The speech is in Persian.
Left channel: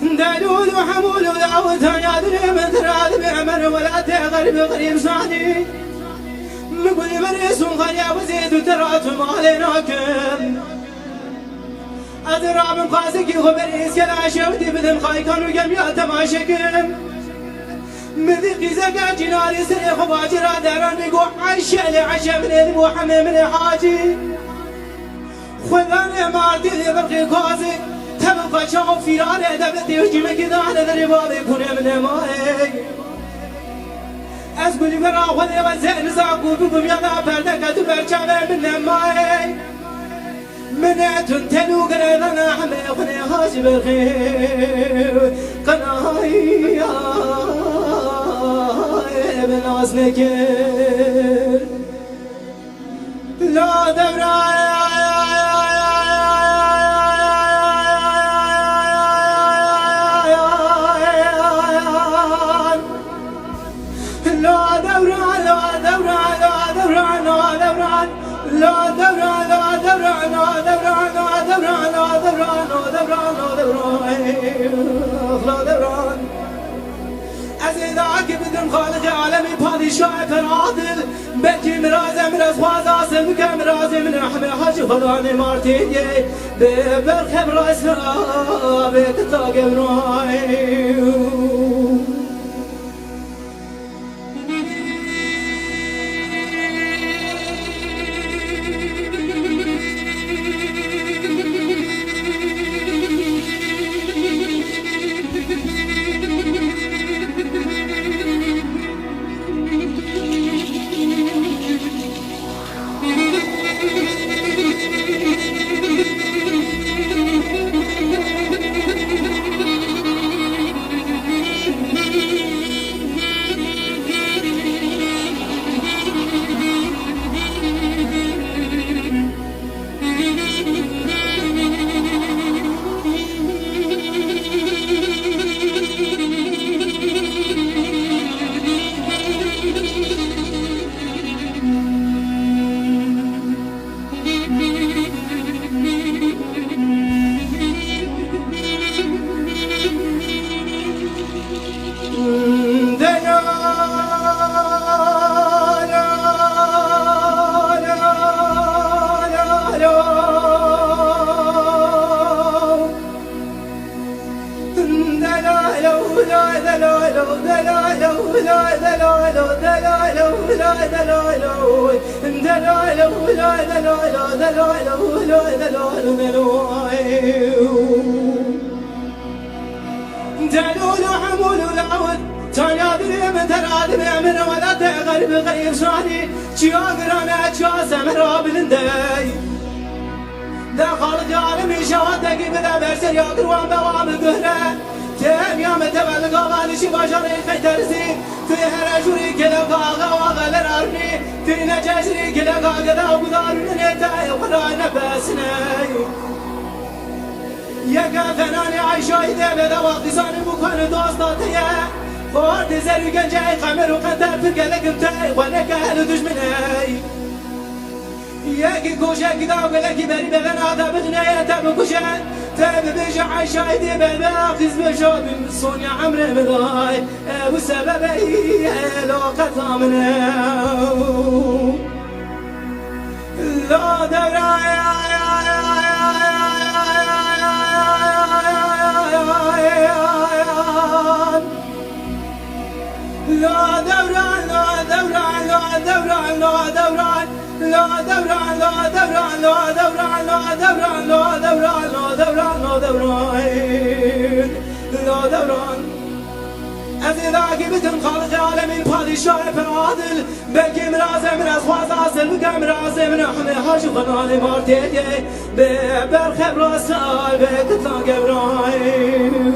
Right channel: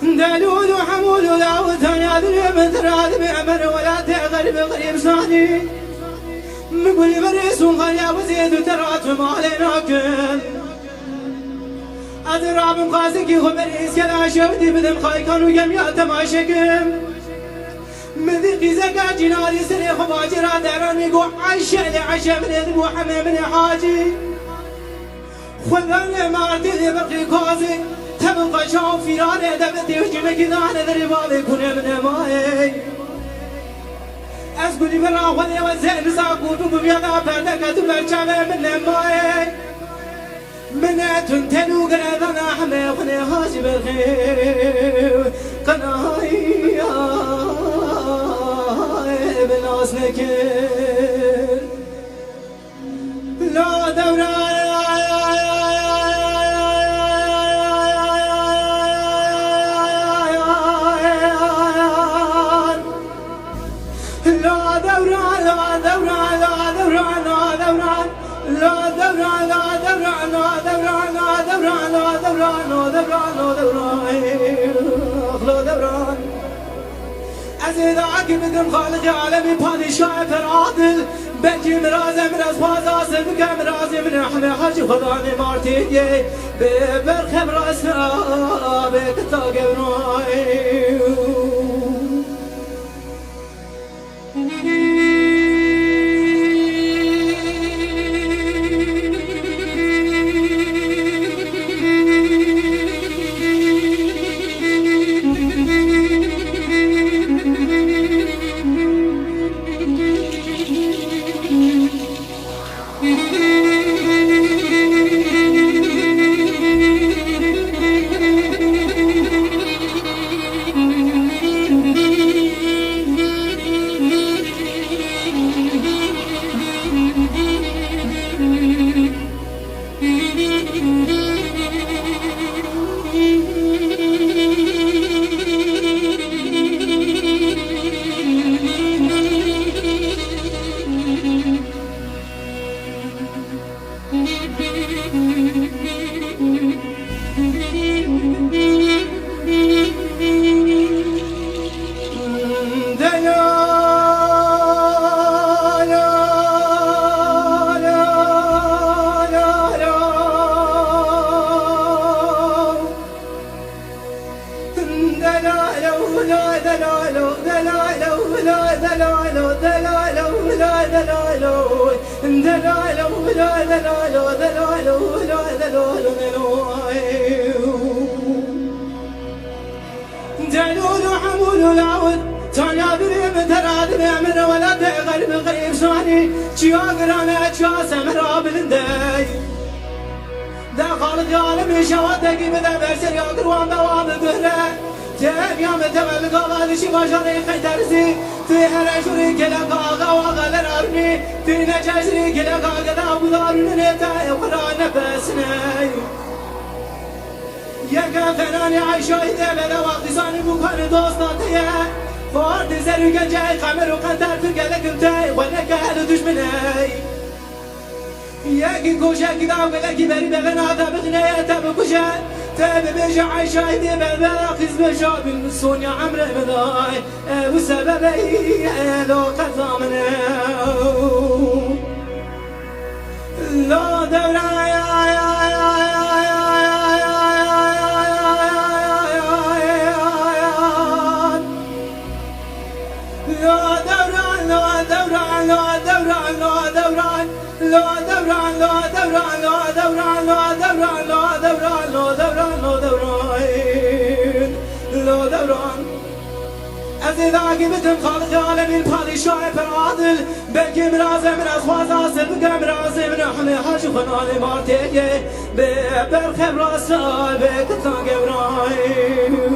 دلول وحمول ودعوتها يا ذري مثل بعمر ولا تغرب قريب صاني مقول مريس وخليا وزيد وترات ما عليناكم أدرى من قاسك خبريس كلا شوتي بدم خايكان وجميع تماشكم مذيقي زكا جناري سري خباجر داراني قوح عشا لعشا من اذبو حمي من حاجي خذاني مارتي ذي برقي كوزي تبقى شعب فيراني دبتي وجمك ذانا ذري بابي كوني من ماي أسقلي برا وذي وزين زاقو بكم يضا بردك تبرشا من ماي منعت تلو قريضنا حمي خني هاجي برخي قناي بناس نكر لا دورا أزيداك بدم خالق عالمي بادشاه فرعادل بلكي مرازي من أزواز أصل بك مرازي من أحمي حاجي خذاني مارتيجي ببرخ براسنا بكتاق براي دلول وحمول العود تانيا ذري متراد بعمر ولا تغرب غريب صاني تشيا قرانا تشيا سمرا بلندي دا خالق عالمي شواتك بدا برسر يا قروان بوام قهرة تام يا متبع القوال شي بشري خيترسي في هرجوري كلا قاغا وغل الارني في نجاجري كلا قاغا وقدارون نتا وقرانا بسناي يا فناني عايشاي دبدا واقصاني بكون دوستاتي فورت زرو جنجاي قمر وقنتر فرقلك انتي ولك اهل دشمناي ياكي كوشا كدا ولكي بري بغناتا بغنايا تبكوشا تاب بيجي عايشاي دبدا قز بشاب المسون يا عمري مضاي ابو سببي لو قطامنا لا دوراي أزيداك بتم خالق عالمي البادشاه فرعادل بلكي مرازي من أصواز أصل بك مرازي من أحمي حاجي خناني مارتيجي ببرخ براسال بك تطلق براي